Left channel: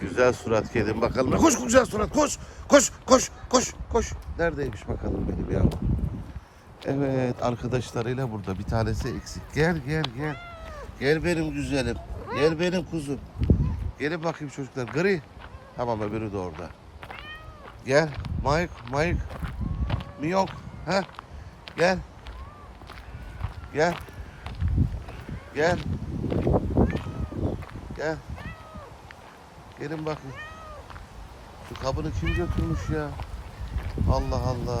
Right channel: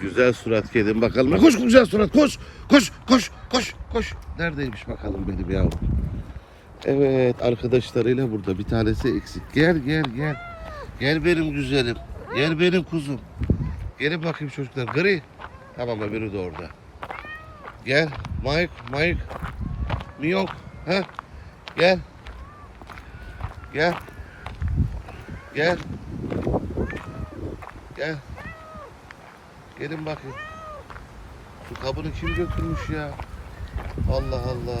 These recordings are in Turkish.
Güzel surat kedim bakalım. Koş güzel surat koş. Koş koş koş koş. Neredeymiş bakalım benim yavrum. Evet arkadaşlarıyla burada. Bir tanesi eksik. Gel gel gel. Gel benim güzelim. Gel benim kuzum. Gelin bakayım çocuklar. Gri. Tamam öbürü de orada. Gel. Mike, Mike. Miyok. Ha? Gel. Gel. Gel. Gel. Gelin bakayım. Şu kabını kim götürmüş ya? Allah Allah.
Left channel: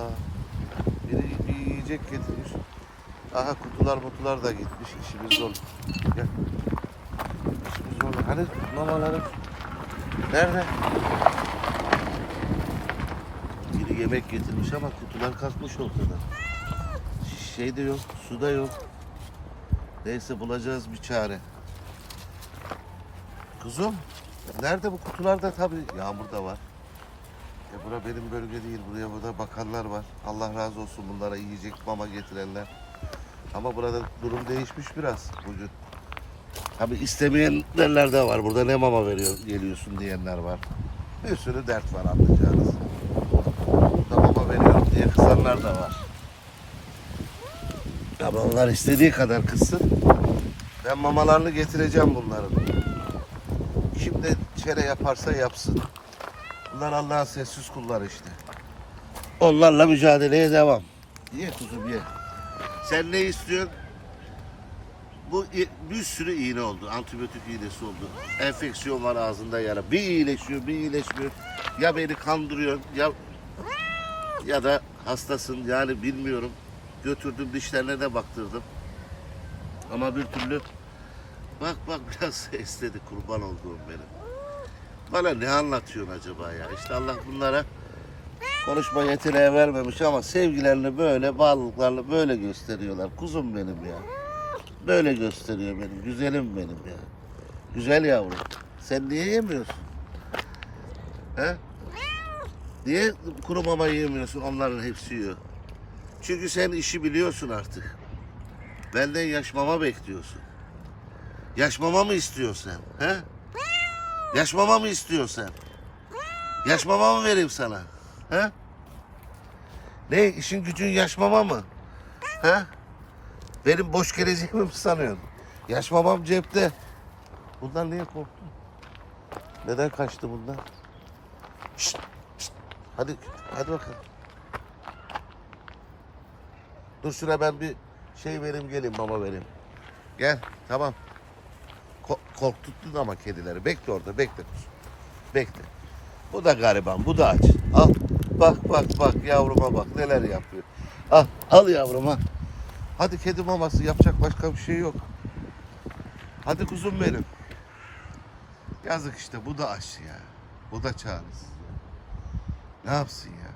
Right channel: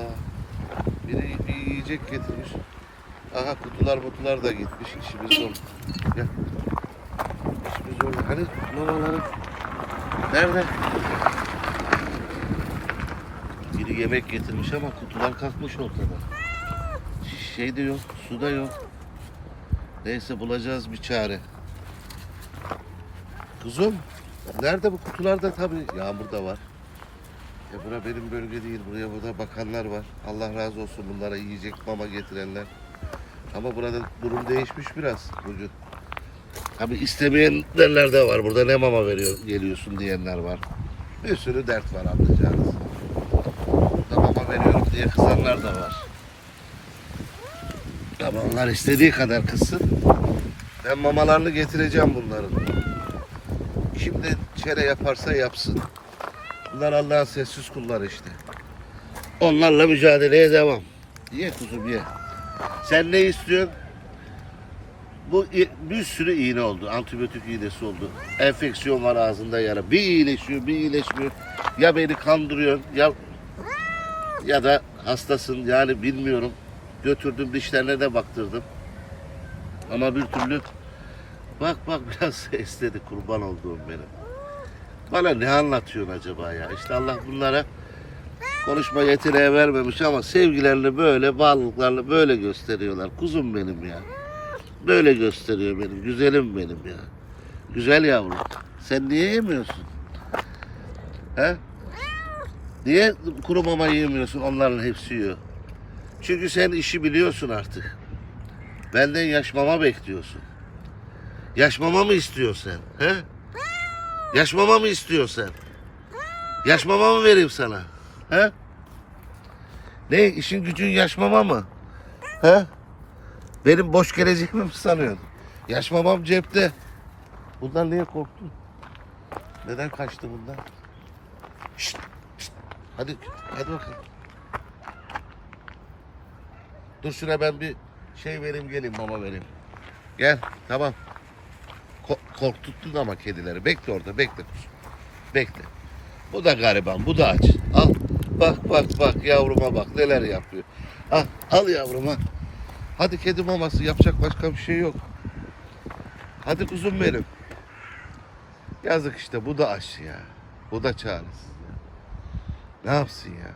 Biri bir yiyecek getirmiş. Aha kutular mutlular da gitmiş. İşimiz zor. Gel. İşimiz zor. Hani mamaları? Nerede? Biri yemek getirmiş ama kutular kalkmış ortada. Şey de yok, su da yok. Neyse bulacağız bir çare. Kuzum, nerede bu kutularda tabii yağmur da var. Ya bura benim bölge değil, buraya burada bakanlar var. Allah razı olsun bunlara yiyecek mama getirenler. Ama burada durum değişmiş biraz bugün. Tabii istemeyenler de var. Burada ne mama veriyor, geliyorsun diyenler var. Bir sürü dert var anlayacağınız. Burada mama veriyorum diye kızanlar da var. Ama onlar istediği kadar kızsın. Ben mamalarını getireceğim bunların. Şimdi çere yaparsa yapsın. Bunlar Allah'ın sessiz kulları işte. Onlarla mücadeleye devam. Ye kuzum ye. Sen ne istiyorsun? Bu bir sürü iğne oldu. Antibiyotik iğnesi oldu. Enfeksiyon var ağzında yara. Bir iyileşiyor, bir iyileşmiyor. Ya beni kandırıyorsun ya ya da hastasın yani bilmiyorum. Götürdüm dişlerine de baktırdım. Ama bir türlü bak bak biraz esnedi kurban olduğum benim. Bana ne anlatıyorsun acaba ya? İşte Allah bunlara konuşma yeteneği vermemiş ama sevgilerini böyle, bağlılıklarını böyle gösteriyorlar. Kuzum benim ya. Böyle gösteriyor benim, güzelim benim ya. Güzel yavrum. Sen niye yemiyorsun? He? Niye kuru mama yemiyorsun? Onların hepsi yiyor. Çünkü sen işi biliyorsun artık. Benden yaş mama bekliyorsun. Yaş mama mı istiyorsun sen? He? Yaş mama mı istiyorsun sen? Yaş mı vereyim sana? He? Ne işin gücün yaş mama mı? He? Benim boş geleceğimi mi sanıyorsun? Yaş mamam cepte. Bundan niye korktun? Neden kaçtı bundan? Şşt, şşt. Hadi, hadi bakalım. Dur şuna ben bir şey vereyim geleyim mama vereyim. Gel tamam. Ko- korkuttun ama kedileri. Bekle orada bekle. Bekle. Bu da gariban bu da aç. Al bak bak bak yavruma bak neler yapıyor. Al, al yavruma. Hadi kedi maması yapacak başka bir şey yok. Hadi kuzum benim. Yazık işte bu da aç ya. Bu da çaresiz ya. Ne yapsın ya?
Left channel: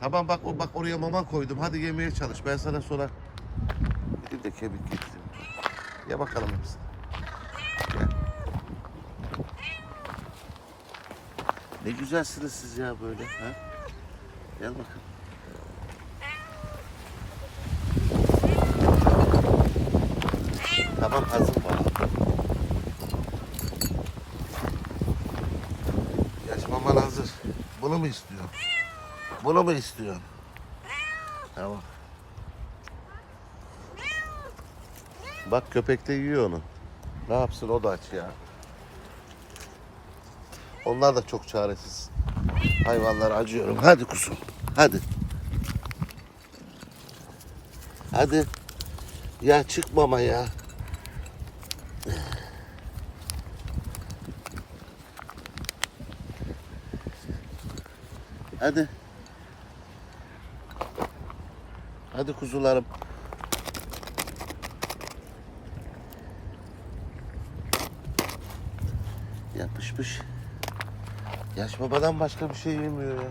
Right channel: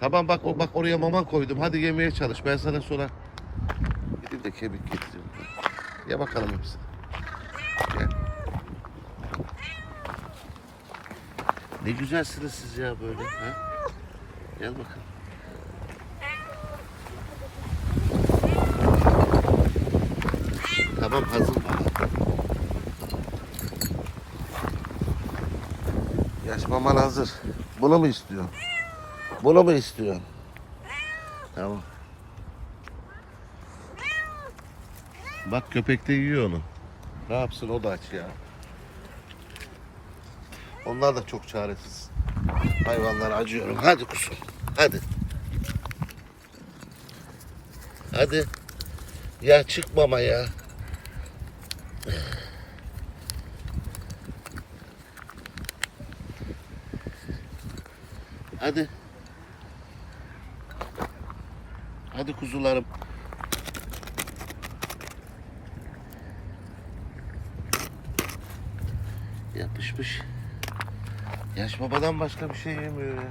Tamam bak o bak oraya mama koydum. Hadi yemeye çalış. Ben sana sonra gidip de kemik getireyim. Ya bakalım hepsini. Gel. Ne güzelsiniz siz ya böyle. Ha? Gel bakalım. Tamam hazır. Yaş maman hazır. Bunu mu istiyorsun? Bunu mu istiyorsun? Tamam. Bak köpek de yiyor onu. Ne yapsın o da aç ya. Onlar da çok çaresiz. Hayvanlara acıyorum. Hadi kuzum. Hadi. Hadi. Ya çıkmama ya. Hadi. Hadi kuzularım. Yapışmış. Yaş babadan başka bir şey yemiyor ya.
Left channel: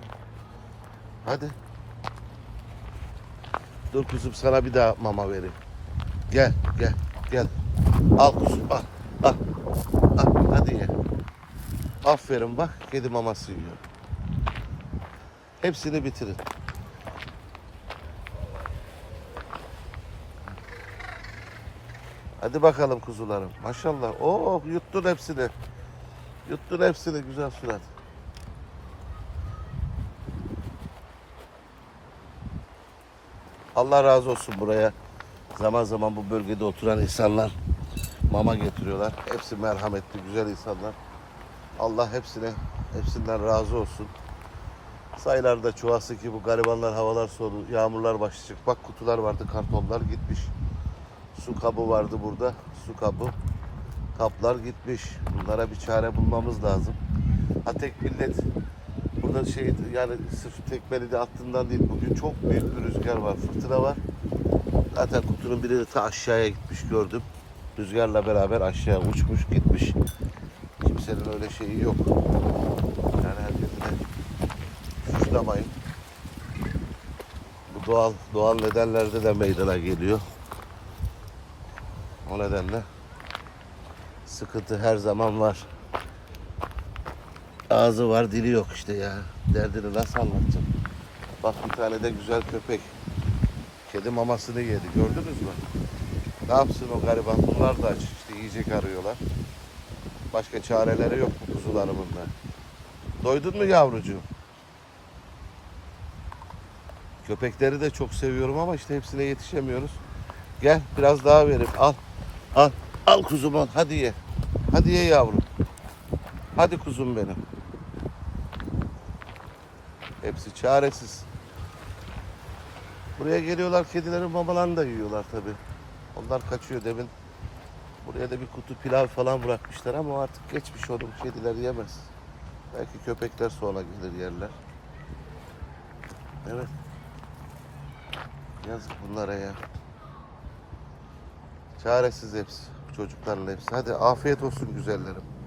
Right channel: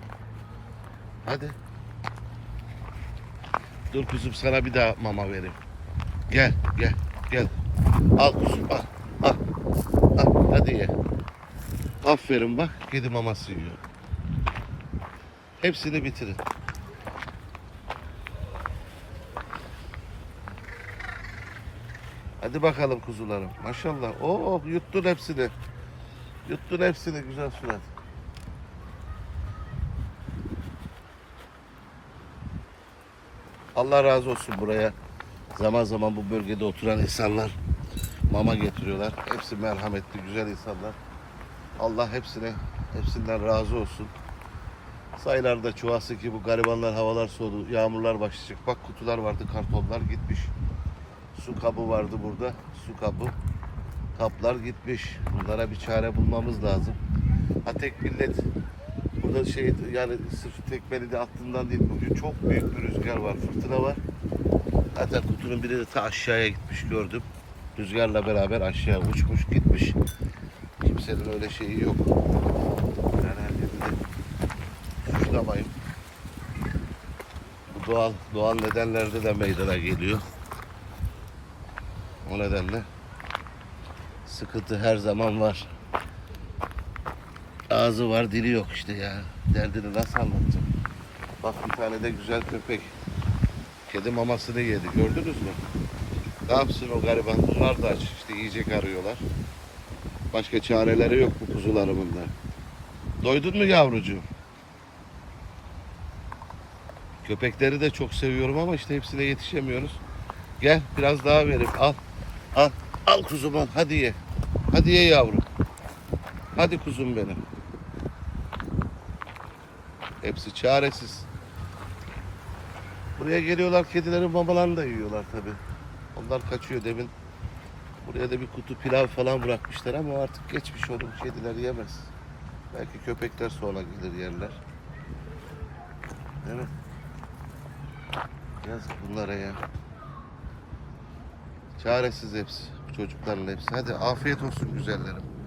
Hadi. Dur kuzum sana bir daha mama vereyim. Gel gel gel. Al kuzum al. Al. al. Hadi ye. Aferin bak kedi maması yiyor. Hepsini bitirin. Hadi bakalım kuzularım. Maşallah. Oh yuttun hepsini. Yuttun hepsini güzel surat. Allah razı olsun buraya. Zaman zaman bu bölgede oturan insanlar mama getiriyorlar. Hepsi merhametli, güzel insanlar. Allah hepsine, hepsinden razı olsun. Sayılarda çoğası ki bu garibanlar havalar soğudu, yağmurlar başlayacak. Bak kutular vardı, kartonlar gitmiş. Su kabı vardı burada, su kabı. Kaplar gitmiş. Bunlara bir çare bulmamız lazım. Ha tek millet burada şey yani sırf tekmeli de attığından değil. Bugün çok büyük bir rüzgar var, fırtına var. Zaten kutunun biri de ta aşağıya gitmiş gördüm. Rüzgarla beraber aşağı uçmuş gitmiş. Kimsenin öyle şeyi yok. Yani her yerinde suçlamayın. Bu doğal doğal nedenlerde de meydana geliyor. O nedenle sıkıntı her zaman var. Ağzı var dili yok işte ya. Derdini nasıl anlatacağım? Bak bir tane de güzel köpek. Kedi mamasını yedi gördünüz mü? Ne yapsın o gariban? Bunlar da aç işte yiyecek arıyorlar. Başka çareleri yok bu kuzularımın da. Doydun mu yavrucuğum? Köpekleri de çok seviyorum ama işte hepsine yetişemiyoruz. Gel biraz daha vereyim. Al. Al. Al kuzum al. Hadi ye. Hadi ye yavrum. Hadi kuzum benim. Hepsi çaresiz. Buraya geliyorlar kedilerin mamalarını da yiyorlar tabi. Onlar kaçıyor demin. Buraya da bir kutu pilav falan bırakmışlar ama artık geçmiş oğlum kediler yemez. Belki köpekler sonra gelir yerler. Evet. Yazık bunlara ya. Çaresiz hepsi. Çocukların hepsi. Hadi afiyet olsun güzellerim.